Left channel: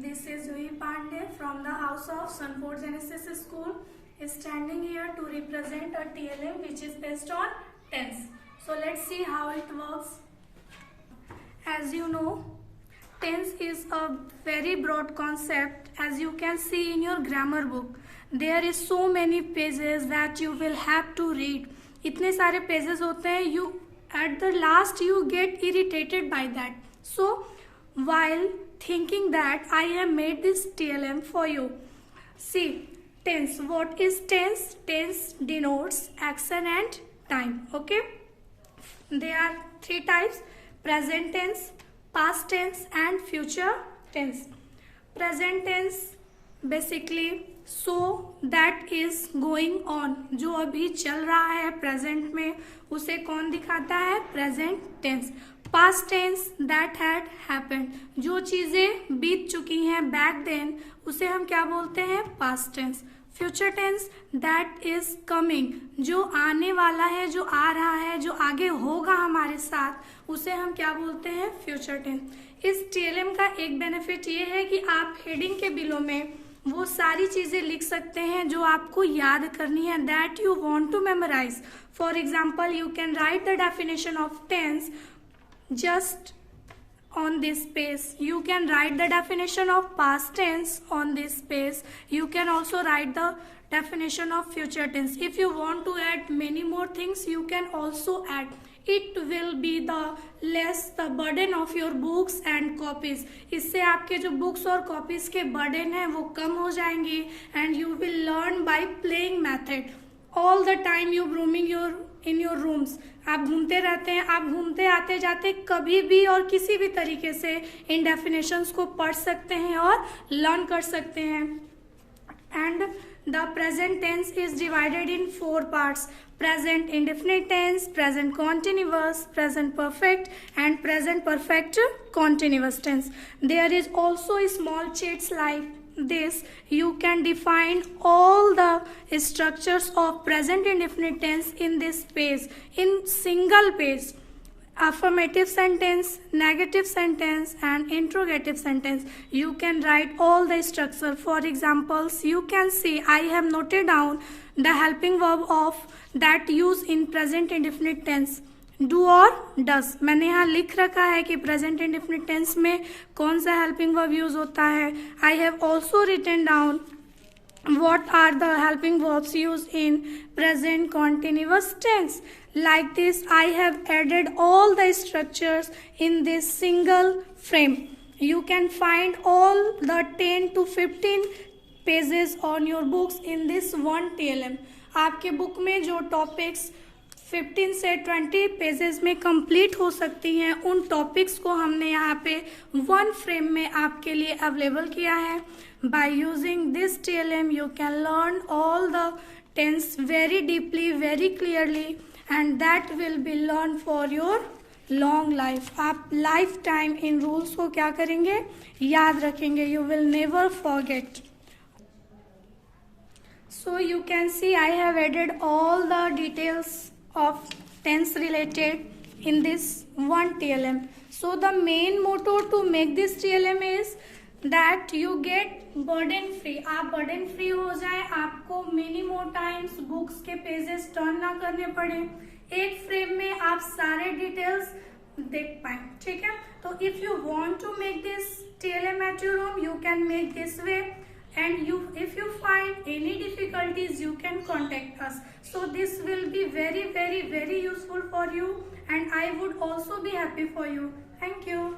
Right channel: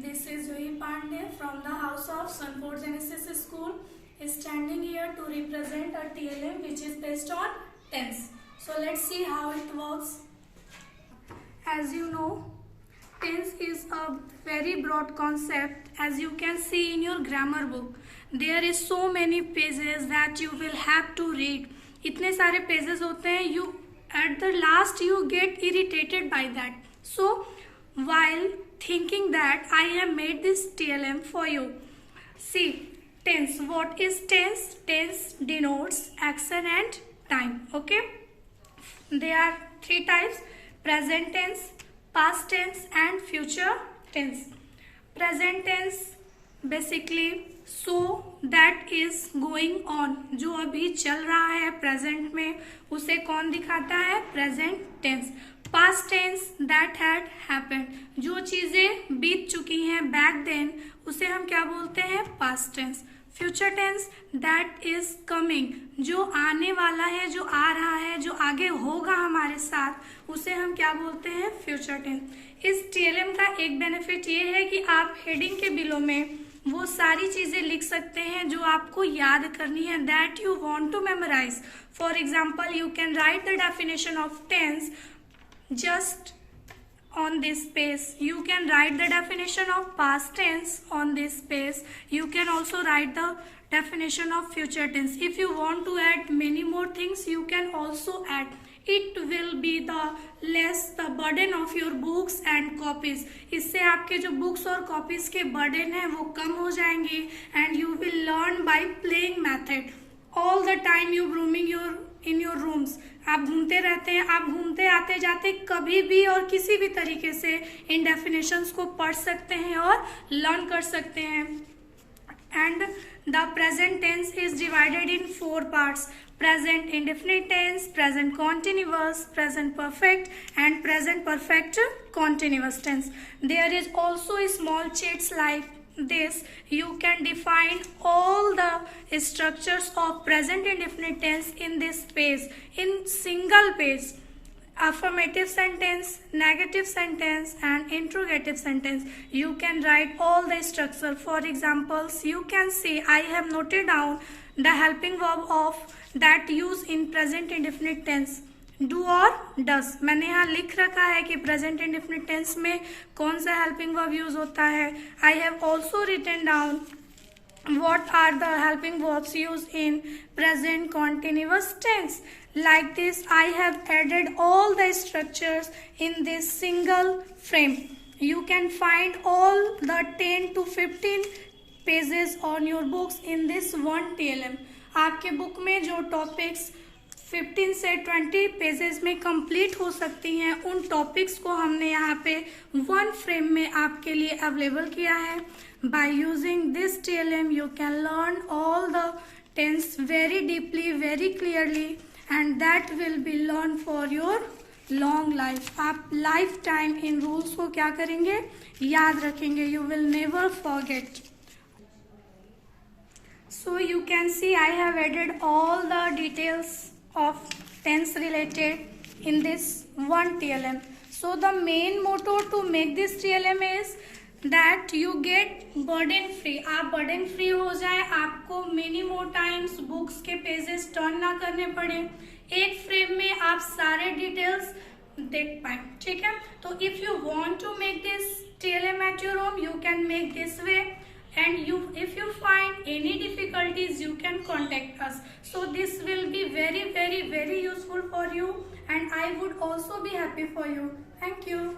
This is Juhi Pandey from the house of Sunford Genesis School, standing here to represent a TLM which is based on tense. So let's see how it works. As you know, tense is a very broad concept. As you can see in your grammar book, there is so many pages that you will have to read. इतने सारे pages होते हैं, you at the last you get irritated by that. So while thinking that I have made this TLM for you. See, tense. What is tense? Tense denotes action and time. Okay. There are three types: present tense, past tense and future tense. Present tense basically so that is going on. जो अभी चल रहा है present में उसे कौन दिखाता है? Present tense. Past tense that had happened. जो चीजें बीत चुकी हैं बैक देन उसे हम क्या बोलते हैं? Past tense. Future tense that is coming. जो आने वाला है, जो आ रहा है, जो आगे होगा हमारे साथ, उसे हम क्या बोलते हैं? Future tense. इस टीएलएम का एक बेनिफिट ये है कि आप हेडिंग के बिलो में वो सारी चीजें लिख सकते हैं जो आपको याद करनी है, that you want to memorise. For example, you can write the definition of tense just on this page. You can write the definition of past tense on this page. You can also write the definition of future tense. If you want to add many more things, you can also add. It will be the less the burden of your books and copies. इससे आपके जो books और copies के burden है वो कम हो जाएंगे. And you will learn by playing method. All the time you roaming in your rooms. आप घूमते रहते हैं, आप घूमते आते जाते कभी भी और किसी भी तरीके से इन डेफिनेशंस को पढ़ सकते हैं और लर्न कर सकते हैं. And the present tense is divided in 4 parts: present indefinite tense, present continuous, present perfect and present perfect continuous tense. There is also small chats like this. You can define all the structures of present indefinite tense in this page, in single page: affirmative sentence, negative sentence and interrogative sentence. You can write all the structure. For examples, you can see I have noted down the helping verb of that use in present indefinite tense, do और डस. मैंने यहाँ लिख रखा है कि present indefinite tense में कौन सा हेल्पिंग वर्ब यूज होता है. I have also written down what are the helping verbs used in present continuous tense. Like this, I have added all the structures in this single frame. You can find all the 10 to 15 pages on your books in this one TLM. आपके book में जो topics 15 से 20 pages में complete हो सकती हैं, उन topics को हमने यहाँ पे वन फ्रेम में आपके लिए अवेलेबल किया है. By using this TLM you can learn all the tense very deeply, very clearly, and that will be learned for your long life. आप लाइफ टाइम इन रूल्स को क्या करेंगे? याद रखेंगे. You will never forget. So you can see I have added all the details of tense related in this one TLM. So the main motto to make this TLM is that you get burden free. आप burden free हो जाए, आपको many more times books के pages turn ना करने पड़े, एक frame में आप सारे डिटेल्स देख पाए. ठीक है. तो if you want to make this TLM at your home, you can make this way. And if you find any difficulties, you can contact us. So this will be very, very, very useful for you, and I would also be happy for you. Thank you.